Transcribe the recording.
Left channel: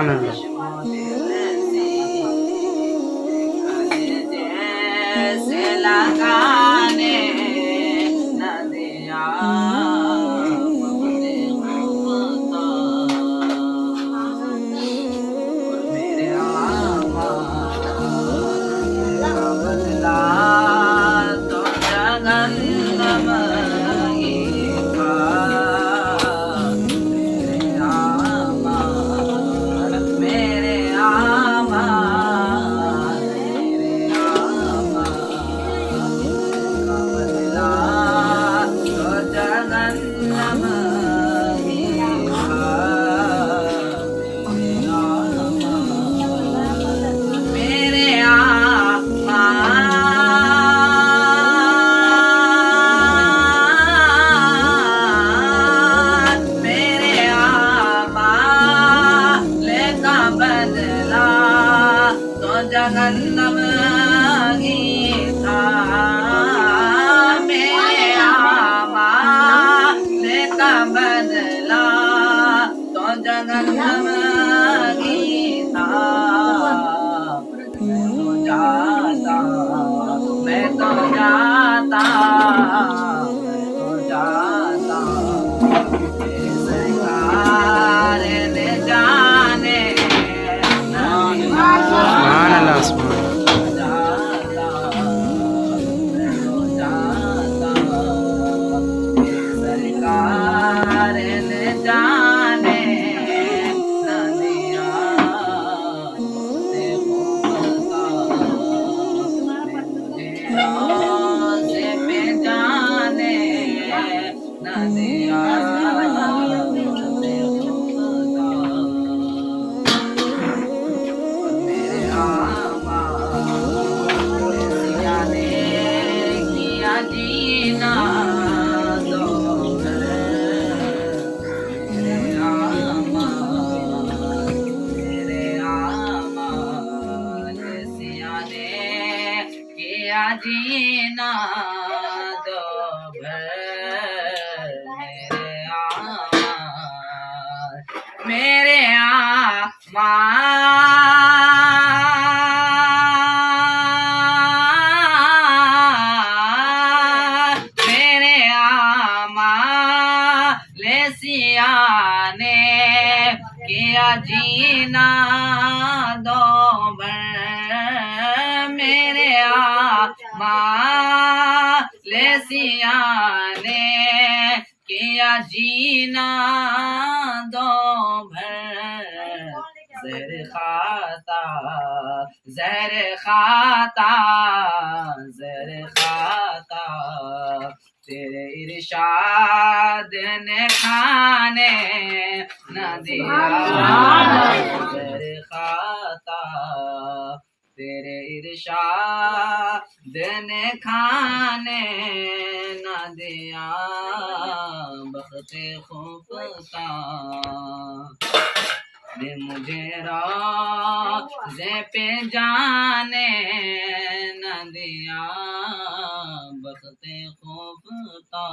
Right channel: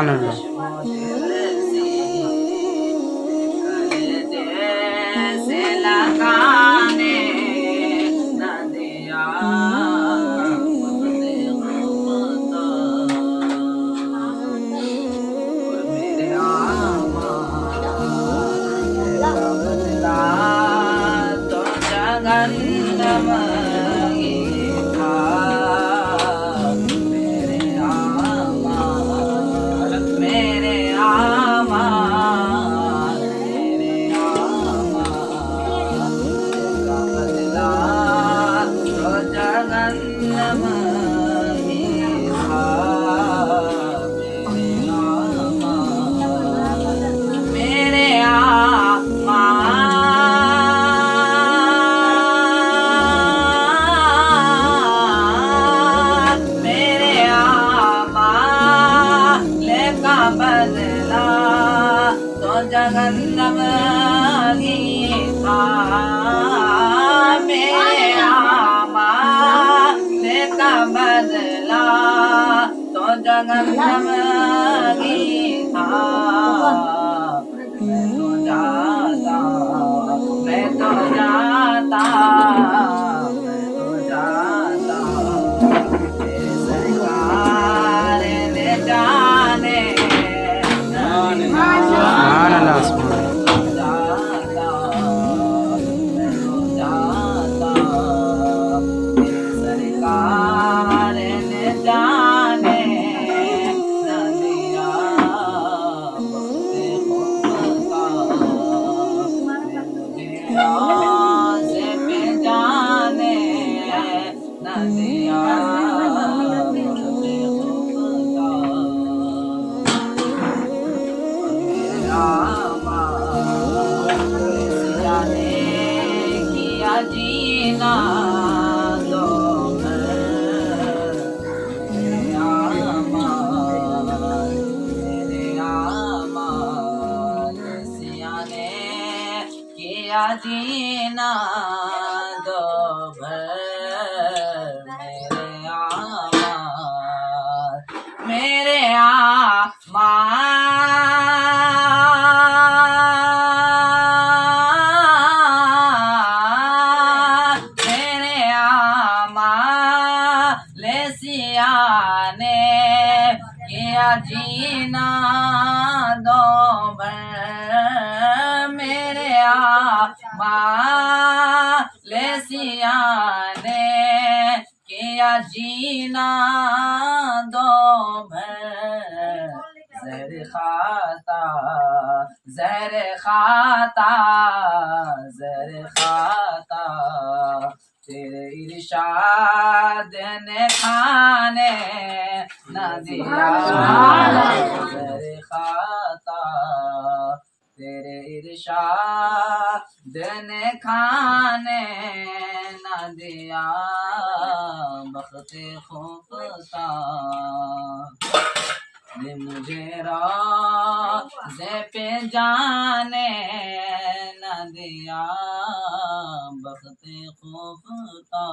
सुभान अल्लाह। जगन्नम गीता मेरे आमाले का बदला तो जगन्नम गीता मैं तो जाता सरकार ने जाने सुभान अल्लाह सुभान। सरकार ने जाने नदिया से पे जाने नदिया जीना दो मेरे आमा सियाने किया जीना दो मेरे आमा ने किया जीना दो मेरे लेसिया ने किया जीना दो जहर खाता जहर खाता जहर खाता तेरे इरशाद ने खाने न दिया जहर खाता तेरे इरशाद ने खाने न दिया बख्ते खुफता ने मुझे रोज़े पे जाने न दिया बख्ते खुफता।